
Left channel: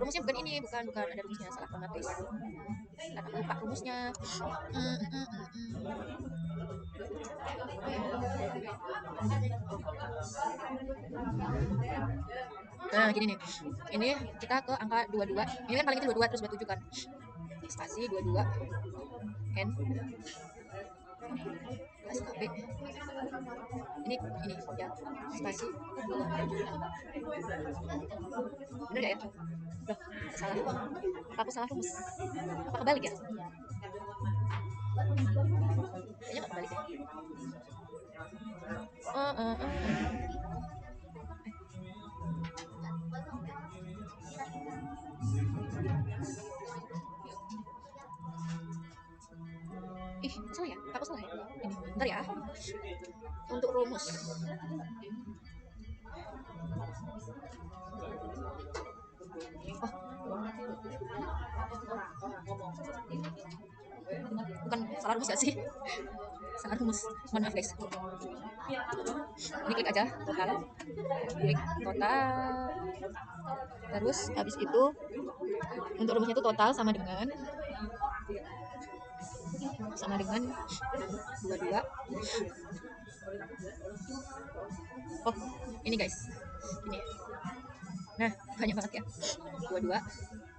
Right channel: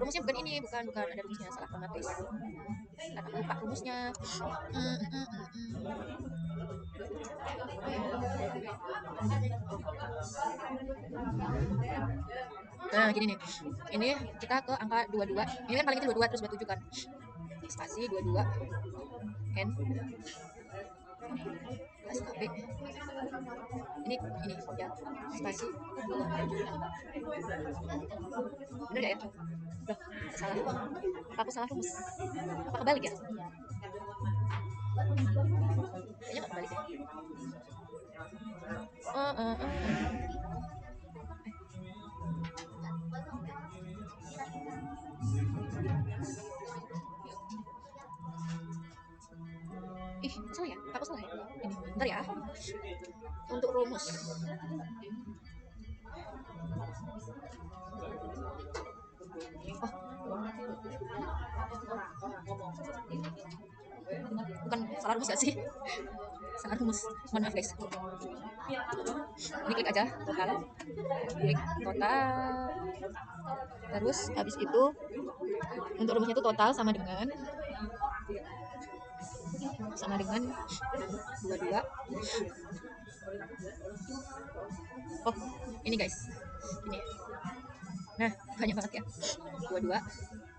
Rumusnya bukan ini, bukan ada rumusnya, salah banget guys. Karena aku lupa rumusnya. Nah, gini nih. Ini kita ke angka 22. Ini kan paling itu 22 terus 27 kan. Spasi 22 N kelas KB. Ini ya. Spasi. Benar ya? Loh, salah. Aku salah rumus. Apa kebalik ya? Kayaknya nggak kebalik ya. Oh. Salah ya? Aku salah ya? Ini, bentar ya. Untuk rumus. Bukan salah rumus gak sih? Salah rumus. Mohon maaf guys. Ini klik aja total. Klik total. Terus habis itu untuk rumusnya itu total sama dengan 22. Oh, ini guys. Ini. Nah, banyak banget ya. 22.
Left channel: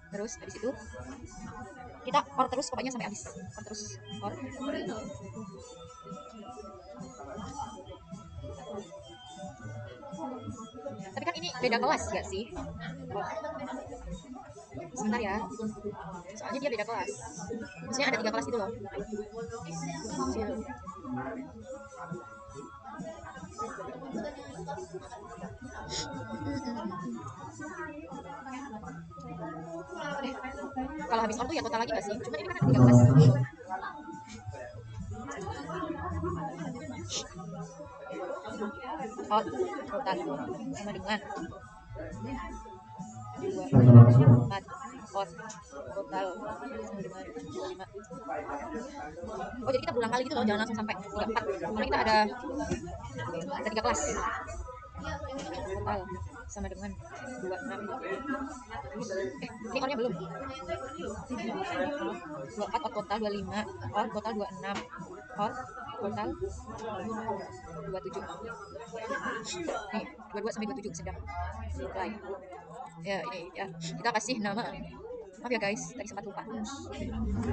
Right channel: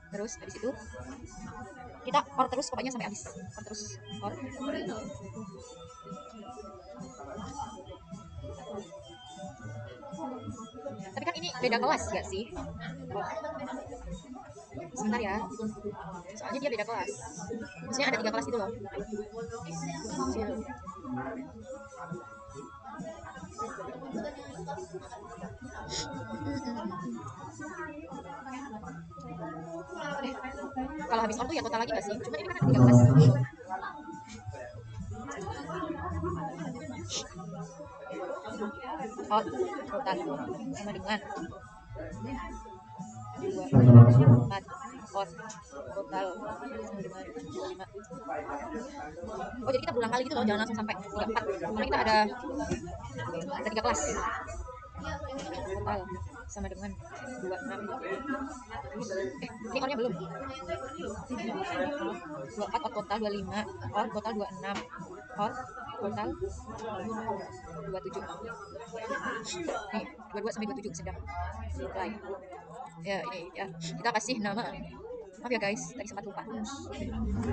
Terus habis itu kita or terus pokoknya sampai habis. Or terus. Or. Tapi kan ini beda kelas nggak sih? Sebentar ya. Soalnya dia beda kelas. Maksudnya ada 3 kelas gitu loh. Kalau habis or tuh ya total lagi nggak sih? Cuma ini kan ada 3 kelas. Out total sama dengan 2 out total sama dengan 5. Oh, jadi kita berulang kali gitu loh, jangan langsung sampai 34. Karena kita ada 3 kelas. Total sama dengan 26. Ini ornya belum. 24 out total 25, out total 26, out total 27. 22 sampai 27 sedang mulai. Ya, ini ya. Kita kasih nama. Maaf ya guys, tadi sempat lupa.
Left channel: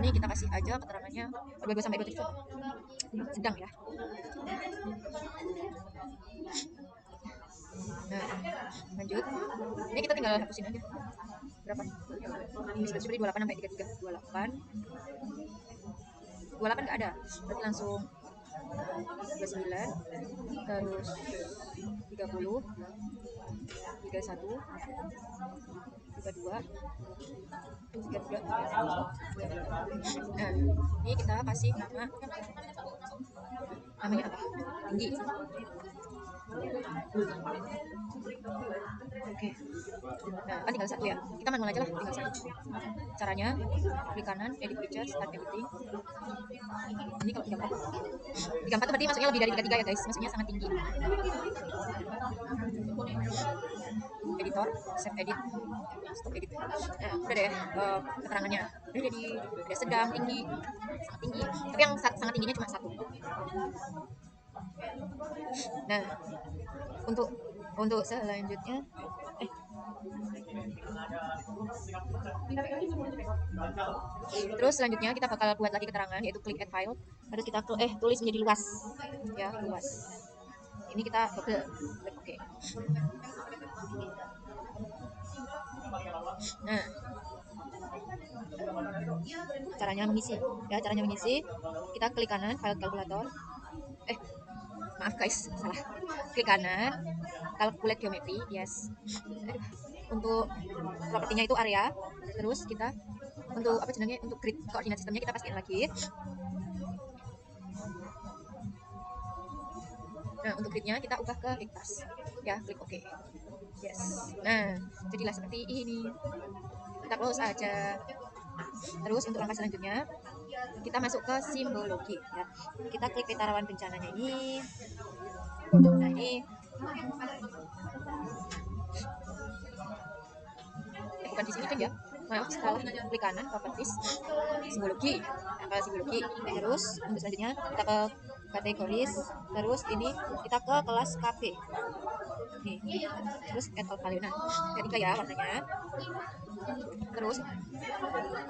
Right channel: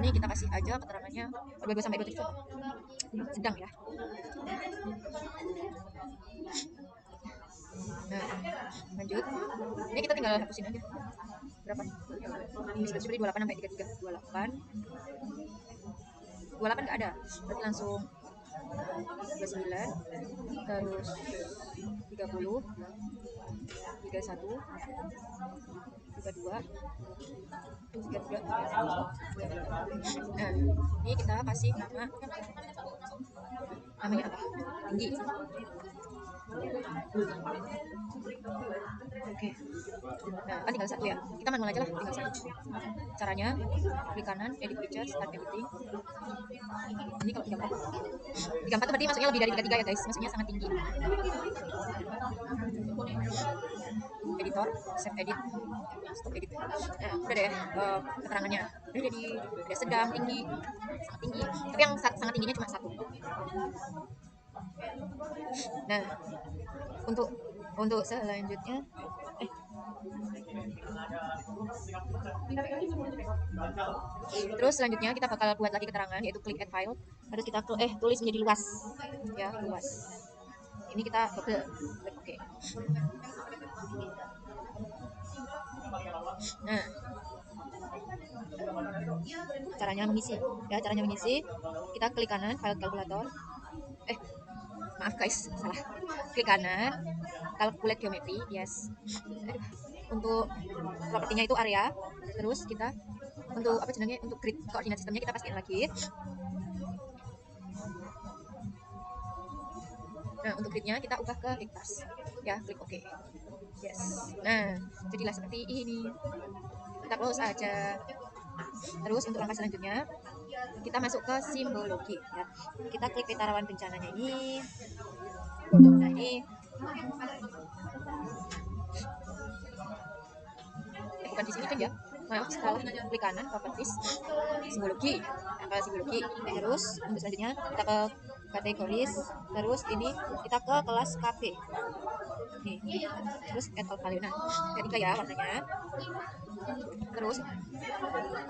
Ini kita kasih aja keterangannya 22 sampai 27. Sedang ya. Nah, lanjut. Ini kita tinggal hapusin aja. Berapa? Ini seperti 28 sampai 33. 28 28 nggak ada, berarti langsung 29, terus 30, 31, 32, 33. Nah, ini kita kasih nama, namanya apa? Tinggi. Oke. Nah, kan tinggal satu ya. Kita manual aja lah, tinggal satu. Caranya, klik kanan, edit picture, start editing. Ini kalau 34. 34 berarti masuknya lebih dari 33 ya guys. Masuknya sangat tinggi. Editor, save edit, stop edit. Nah, udah deh keterangannya. Udah jadi udah sedang, tinggi, sangat tinggi. Tapi yang sangat tingginya cuma satu. Nah, untuk selanjutnya terus selanjutnya kita bakal buat lagi keterangan, yaitu klik add file, harus kita tulis menjadi luas ya, luas. Ini kita double klik oke. Nah, caranya mengisi ya, caranya mengisi kita klik kanan file kalkulator, maaf guys, salah, klik kanan calculate geometry, yes. Untuk propertinya itu area, terus kita untuk apa sebenarnya, untuk grid koordinat sistemnya kita pastiin lagi. Nah, untuk gridnya kita ubah ke hektar ya, klik OK, yes. Nah, jadilah seperti ini, kita close aja. Terus untuk langkah selanjutnya kita masuk ke simbologi ya, kita klik peta rawan bencananya ini. Nah, ini bukan di sini kan ya, maaf, salah, klik kanan properties, simbologi, apa simbologi. Terus untuk selanjutnya kita ke kategoris, terus ini kita ke kelas KB nih, terus add all value. Nah, ketiga ya warnanya. Terus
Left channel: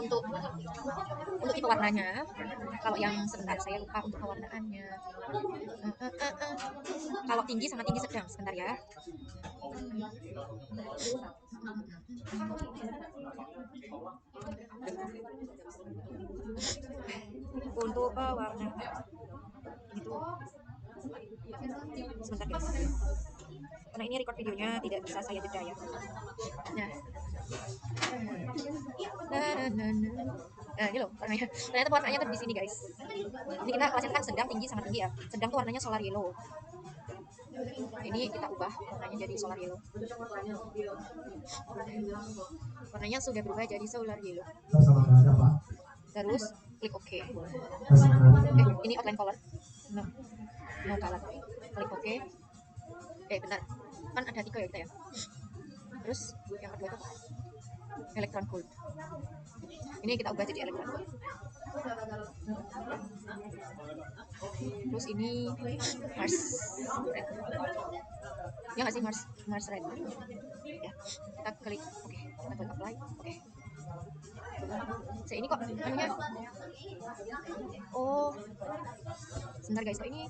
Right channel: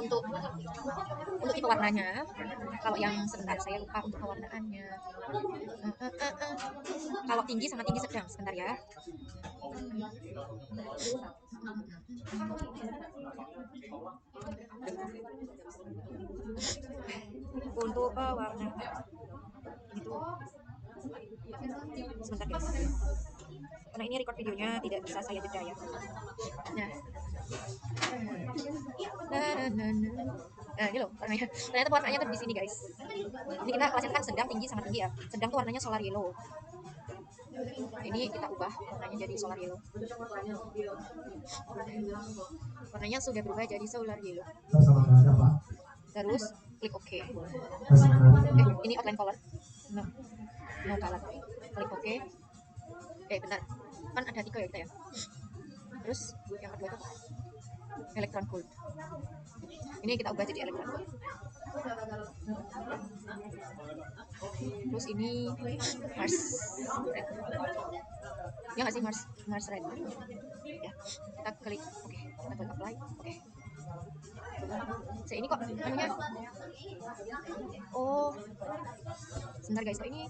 untuk tipe warnanya, kalau yang sebentar saya lupa untuk pewarnaannya. Kalau tinggi sama tinggi sedang, sebentar ya. Untuk warna itu sebentar guys, karena ini record videonya tidak bisa saya jeda ya. Nah, ini loh warnanya, ternyata warnanya tuh di sini guys. Ini kita kelasnya kan sedang, tinggi, sangat tinggi ya. Sedang tuh warnanya solar yellow. Ini kita ubah warnanya jadi solar yellow. Warnanya sudah berubah jadi solar yellow. Terus klik OK. Ini outline color. No color. Klik OK. Benar. Kan ada 3 ya kita ya. Terus yang kedua itu apa? Electron gold. Ini kita ubah jadi electron gold. Terus ini Mars red. Ya nggak sih, Mars red. Ya, kita klik oke, kita klik apply. Oke. Ini kok anunya, oh sebentar guys, ini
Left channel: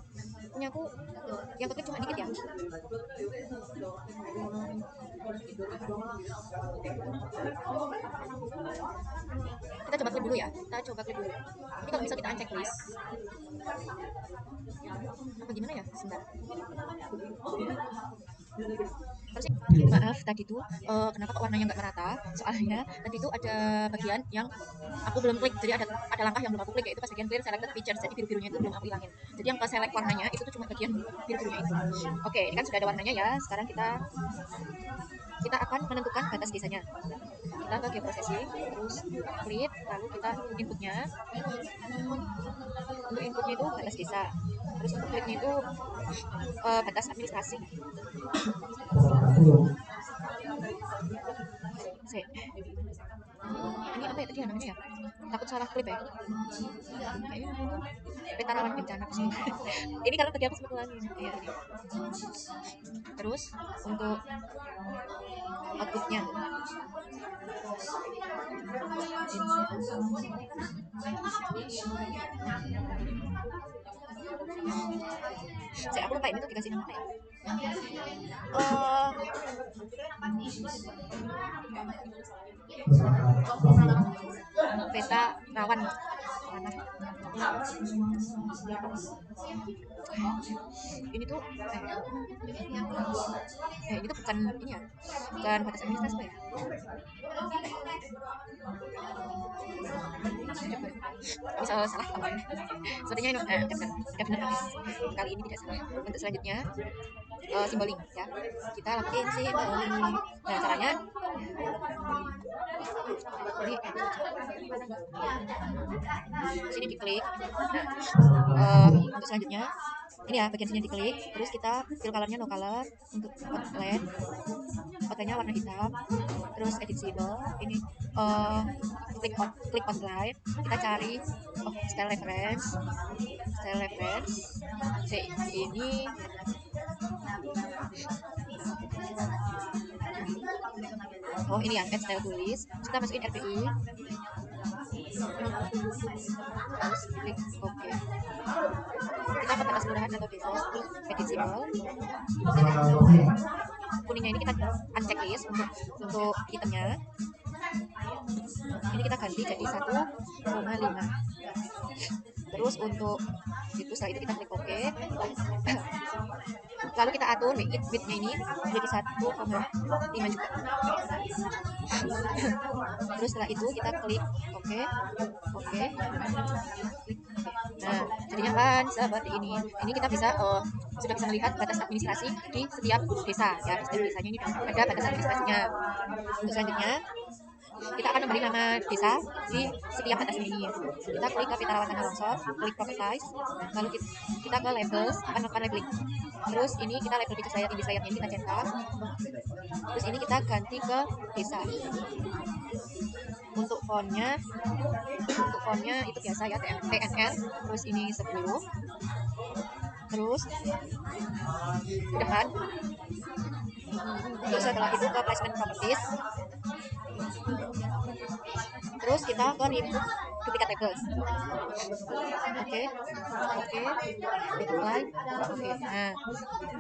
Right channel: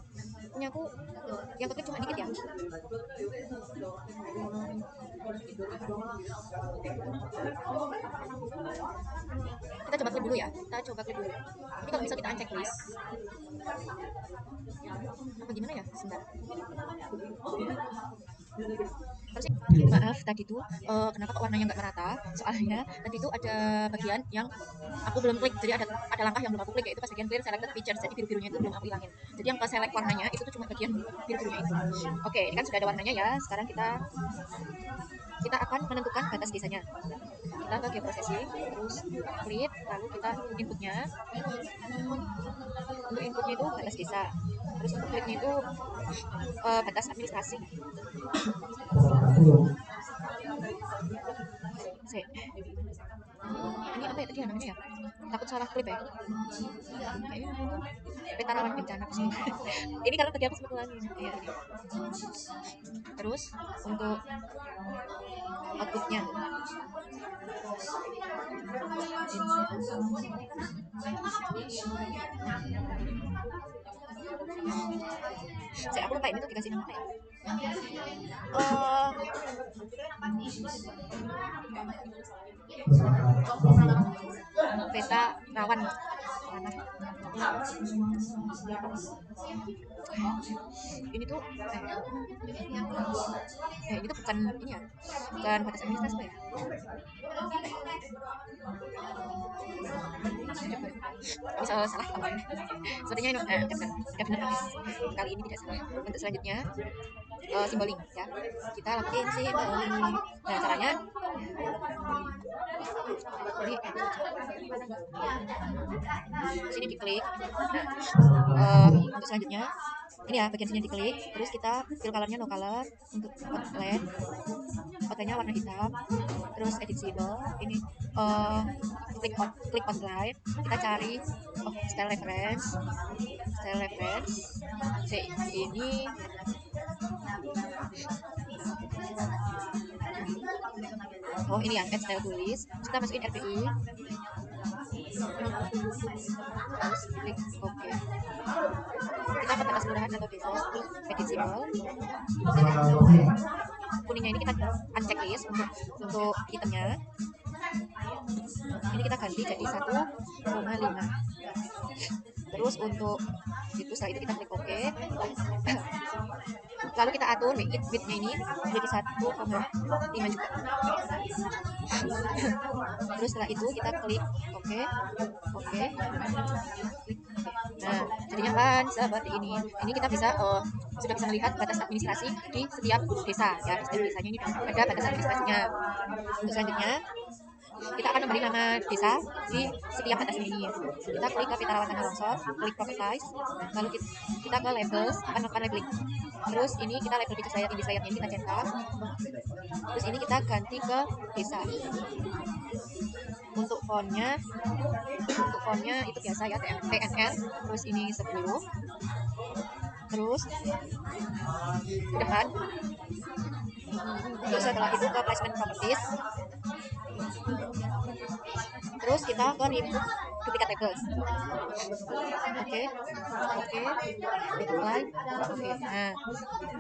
punya aku yang keklik cuma dikit ya. Kita coba klik dulu ya, ini kalau bisa kita uncheck list apa gimana ya, sebentar. Maaf tadi tuh kenapa kok warnanya nggak merata, soalnya tadi tuh ada bagian yang aku belum klik, jadi ada langkah yang belum aku klik, yaitu pas bagian clear selected features, jadi biru-birunya itu belum aku hilangin. Jadi yang ke select warnanya itu tuh cuma bagian biru-birunya itu. Oke, ini kan sudah ada warnanya ya. Sekarang kita akan menentukan batas desanya. Kita ke geoprocessing, terus klik, lalu kita inputnya. Untuk inputnya itu batas desa, terus untuk kliknya itu batas administrasi. Ini apa ya tadi namanya ya? Takut salah klik ya. Peta rawan bencana sih. Ini kalau tadi aku sempat ulangin. Ya. Terus untuk outputnya. Saya aku lupa ini tuh dikasih nama apa ya? Peta rawan mana? bukan ini ya, bukan batas administrasi ya. Bisa salah tambah. Sepertinya ini ya benar. Kali ini tidak salah. Untuk selanjutnya simboling ya. Kita lakuin simboling. Nah caranya ini sini diklik. Nah, untuk selanjutnya ini ya bagian sini diklik, terus kita fill colornya no color, untuk outline fotonya warna hitam, terus edit symbol ini click on right, kita cari style reference ini ini ya add style tulis, kita masukin RPI. Kuningnya ini kita unchecklist untuk itemnya. Ini kita ganti jadi 1,5. Terus untuk itu setelah itu kita klik OK. Lalu kita atur width ini jadi 1,5 juga. Terus setelah itu kita klik ini kita bisa sudah bisa melihat batas administrasi di setiap desa ya. Di setiap desanya ini ada batas administrasinya. Untuk selanjutnya kita akan memberi nama desa di setiap batas ini. Kita klik ke peta rawan tanah longsor, klik properties, lalu kita ke labels, akan labeling. Terus ini kita label picture layer, index layernya ini kita centang. Terus ini kita ganti ke desa. Untuk fontnya itu biasa ya, TNR. Terus ini 10. Terus ke depan. Terus setelah itu ke placement properties. Terus kita ke remove duplicate labels. Oke. Apply. Nah,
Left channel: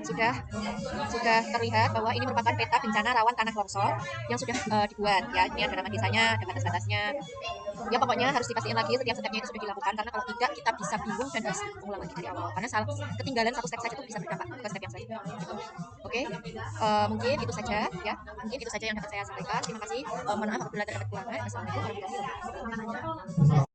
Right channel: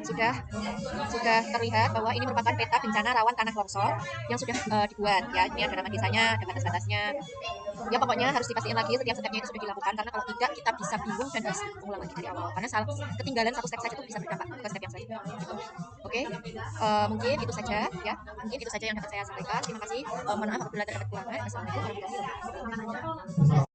sudah terlihat bahwa ini merupakan peta bencana rawan tanah longsor yang sudah dibuat ya. Ini ada nama desanya, ada batas-batasnya. Ya pokoknya harus dipastiin lagi setiap stepnya itu sudah dilakukan, karena kalau tidak kita bisa bingung dan harus mengulang lagi dari awal, karena salah ketinggalan satu step saja itu bisa berdampak ke step yang lain. Oke, mungkin itu saja ya. Mungkin itu saja yang dapat saya sampaikan. Terima kasih. Mohon maaf apabila terdapat kekurangan. Assalamualaikum warahmatullahi wabarakatuh.